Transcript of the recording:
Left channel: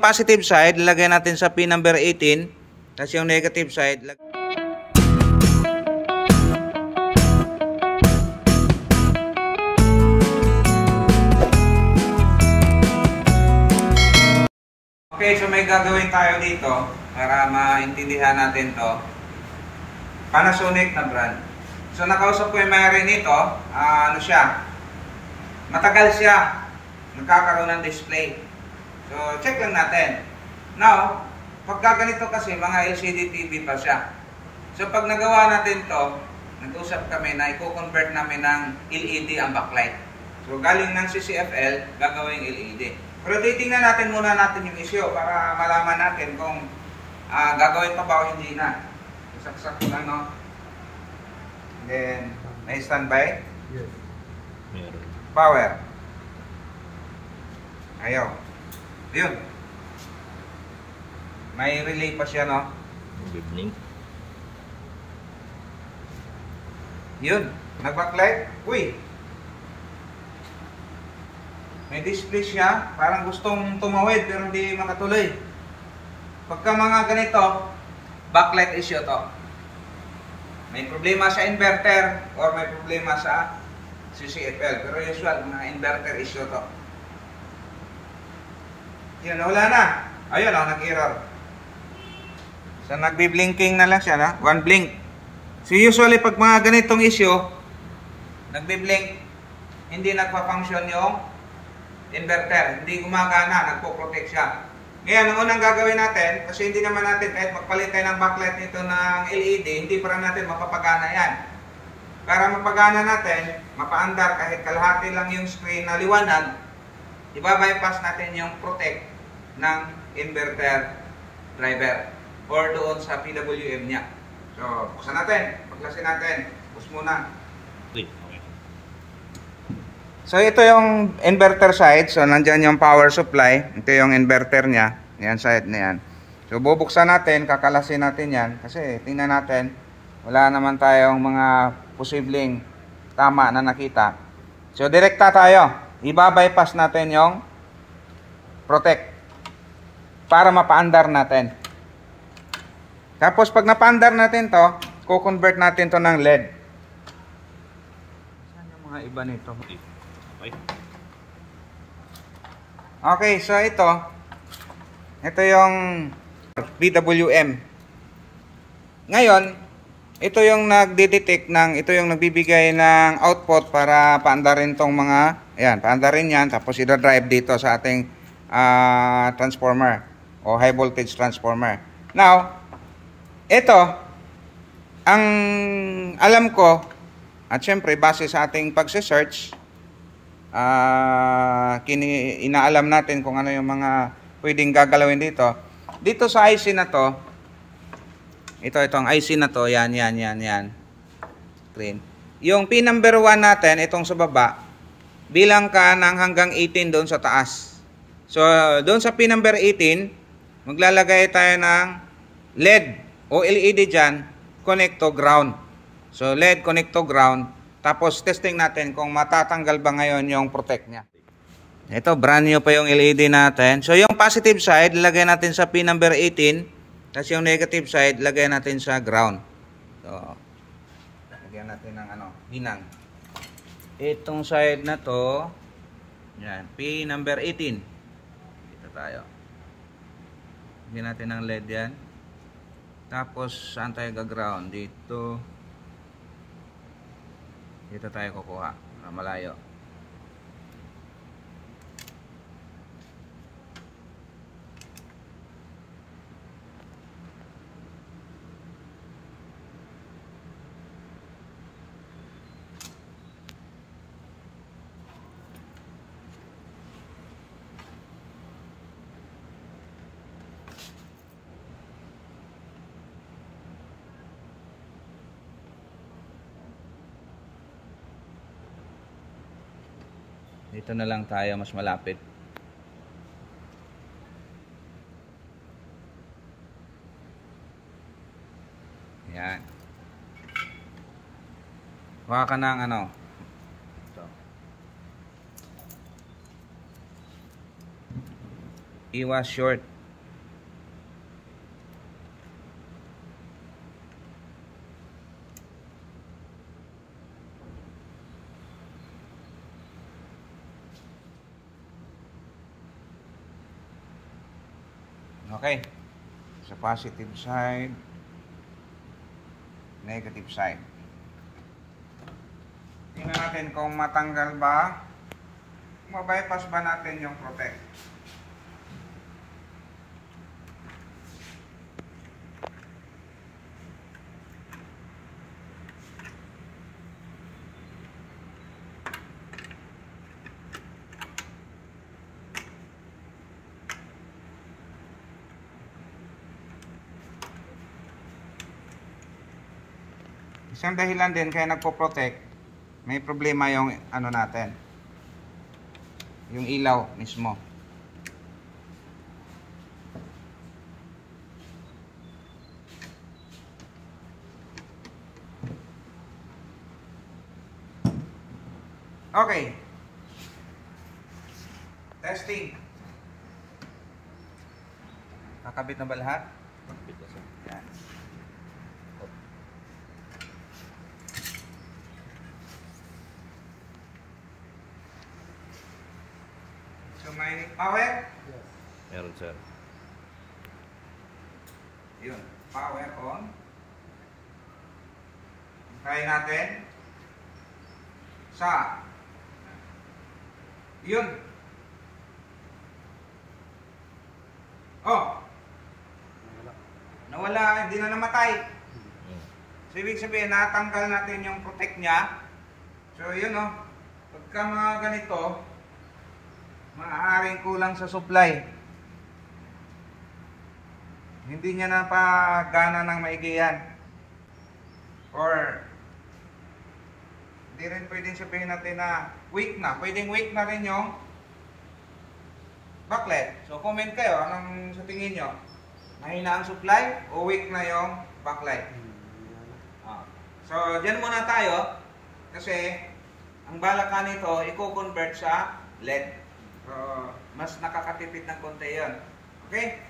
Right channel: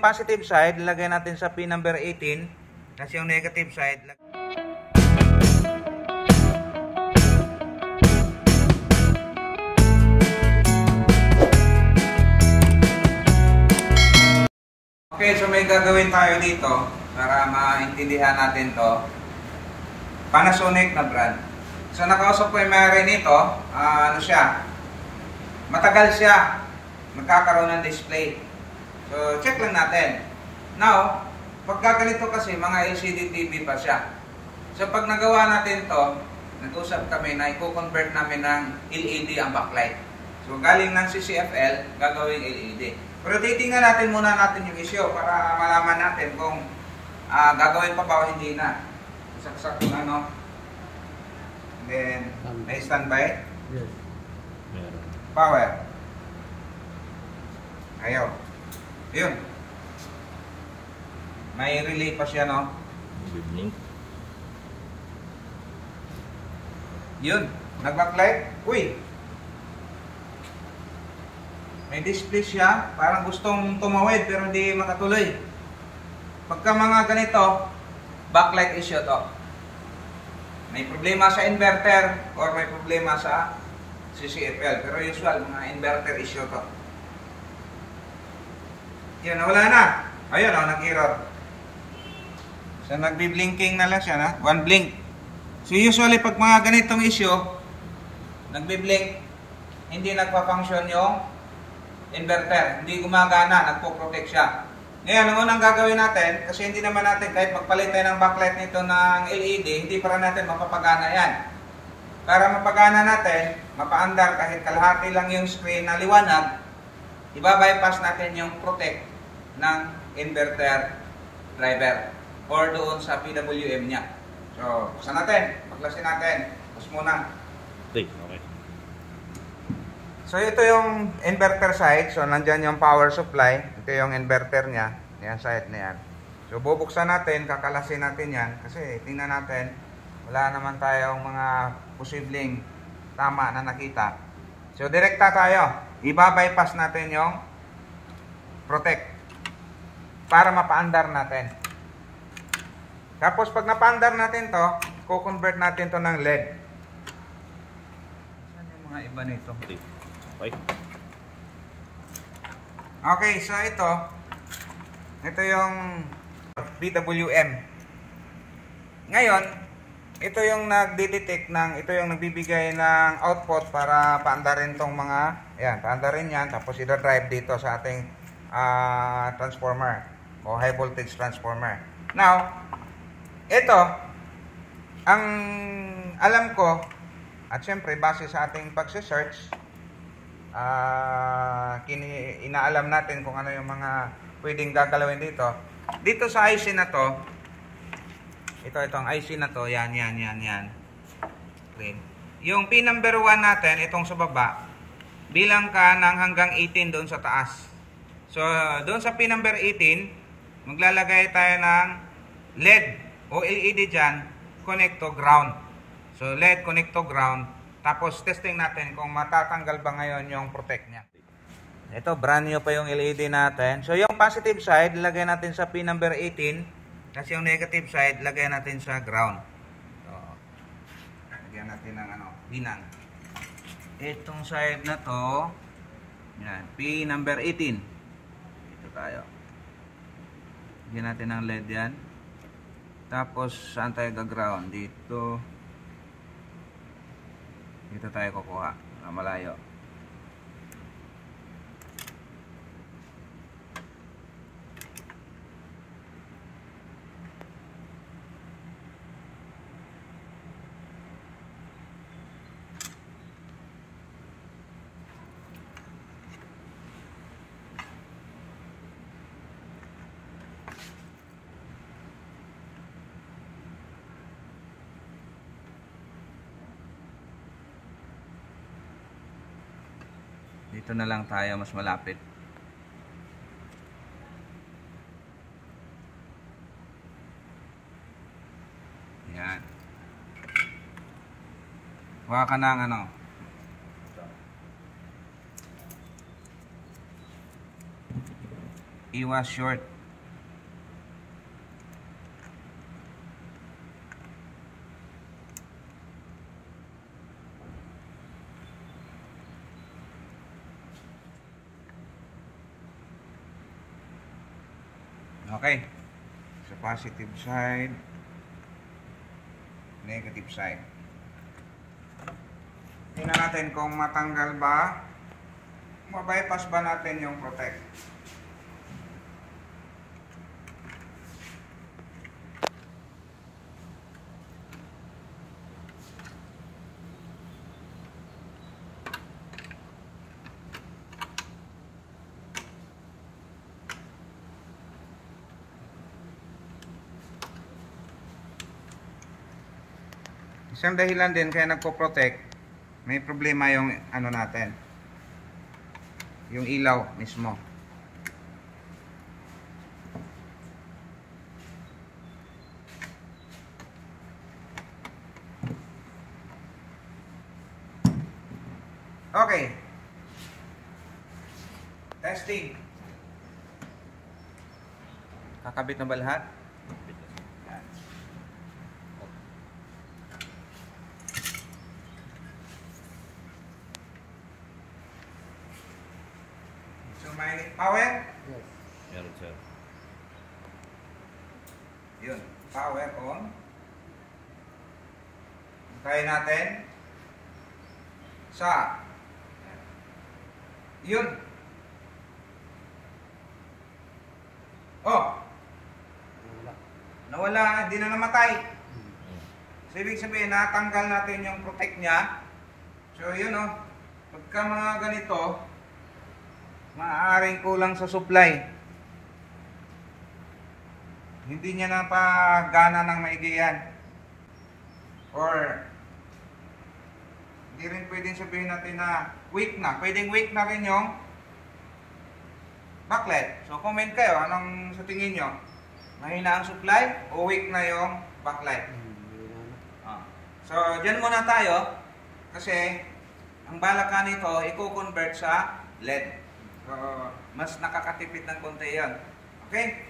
Positive side, lagay natin sa pin number 18. Tapos yung negative side, okay, so may gagawin tayo dito para maintindihan natin to. Panasonic na brand. So nakausap ko yung may-ari nito, ano siya, matagal siya magkakaroon ng display. So check lang natin. Now, pagka ganito kasi mga LCD TV pa siya. So pag nagawa natin to, nag-usap kami na i-convert namin ng LED ang backlight. So galing ng CCFL, gagawing LED. Pero titingnan natin muna yung issue para malaman natin kung gagawin pa ba o hindi na. Saksak ko na, no? Then, may standby? Meron. Power. Ayaw. Yun. May relay pa siya, no? Blink. Yun. Nag-backlight. Uy! May display siya. Parang gustong tumawid pero hindi makatuloy. Pagka mga ganito, backlight issue to. May problema sa inverter or may problema sa CCFL. Pero usual, mga inverter issue to. Yan, wala na. Ayun, nag-error. So, nagbi-blinking na lang siya, na? One blink. So, usually, pag mga ganitong issue, nagbi-blink, hindi nagpa-function yung inverter. Hindi gumagana, nagpo-protect siya. Ngayon, ang unang gagawin natin, kasi hindi naman natin, kahit magpalit tayo ng backlight nito ng LED, hindi pa rin natin mapapagana yan. Para mapagana natin, mapaandar kahit kalahati lang yung screen na liwanag, iba-bypass natin yung protect ng inverter driver or doon sa PWM niya. So, buksan natin, paklasin natin. Buksan muna. Okay. So, ito yung inverter side. So, nandyan yung power supply. Ito yung inverter niya. Yan, side na yan. So, bubuksan natin, kakalasin natin yan. Kasi, tingnan natin, wala naman tayong mga posibleng tama na nakita. So, direkta tayo. Iba-bypass natin yung protect para mapaandar natin. Tapos, pag napaandar natin to, ko-convert natin to ng LED. Saan yung mga iba nito? Okay. Okay, so ito yung PWM. Ngayon, ito yung nagde-detect ng, ito yung nagbibigay ng output para paandarin tong mga, ayan, paandarin yan, tapos i-drive dito sa ating transformer o high voltage transformer. Now, ito, ang alam ko, at syempre base sa ating pagse-search, inaalam natin kung ano yung mga pwedeng gagalawin dito. Dito sa IC na to, itong IC na to, yan. Green. Yung pin number 1 natin, itong sa baba, bilang ka ng hanggang 18 doon sa taas. So, doon sa pin number 18, maglalagay tayo ng LED o LED dyan, connect to ground. So, LED connect to ground. Tapos testing natin kung matatanggal ba ngayon yung protect niya. Ito, brand new pa yung LED natin. So yung positive side, lagay natin sa pin number 18. Tapos yung negative side, lagay natin sa ground. So, lagyan natin ng binang. Itong side na to, yan, pin number 18. Dito tayo. Lagyan natin ng LED yan. Tapos saan tayo ga-ground? Dito. Dito tayo kukuha, malayo. Dito na lang tayo, mas malapit. Ayan. Kuha ka ng ano. 'Yan. Iwas short. Okay. Sa positive side, negative side. Tingnan natin kung matanggal ba, mabypass ba natin yung protect. Isang dahilan din kaya nagpo-protect, may problema yung ano natin, yung ilaw mismo. Okay. Testing. Kakabit na ba lahat? Dito sir. Yan. So may power? Meron sir. Yun, power on. Try natin. Sa. Yun. Oh. Nawala, hindi na namatay. So, ibig sabihin, natanggal natin yung protect niya. So, yun oh. Pagka mga ganito, maaaring kulang sa supply. Hindi niya napagana ng maigi yan. Or, hindi rin pwedeng sabihin natin na weak na. Pwedeng weak na rin yung backlight. So, comment kayo. Anong sa tingin nyo? Mahina ang supply o weak na yung backlight? So, dyan muna tayo. Kasi, ang balak nito, i-convert sa LED. So, mas nakakatipid ng konti yun. Okay?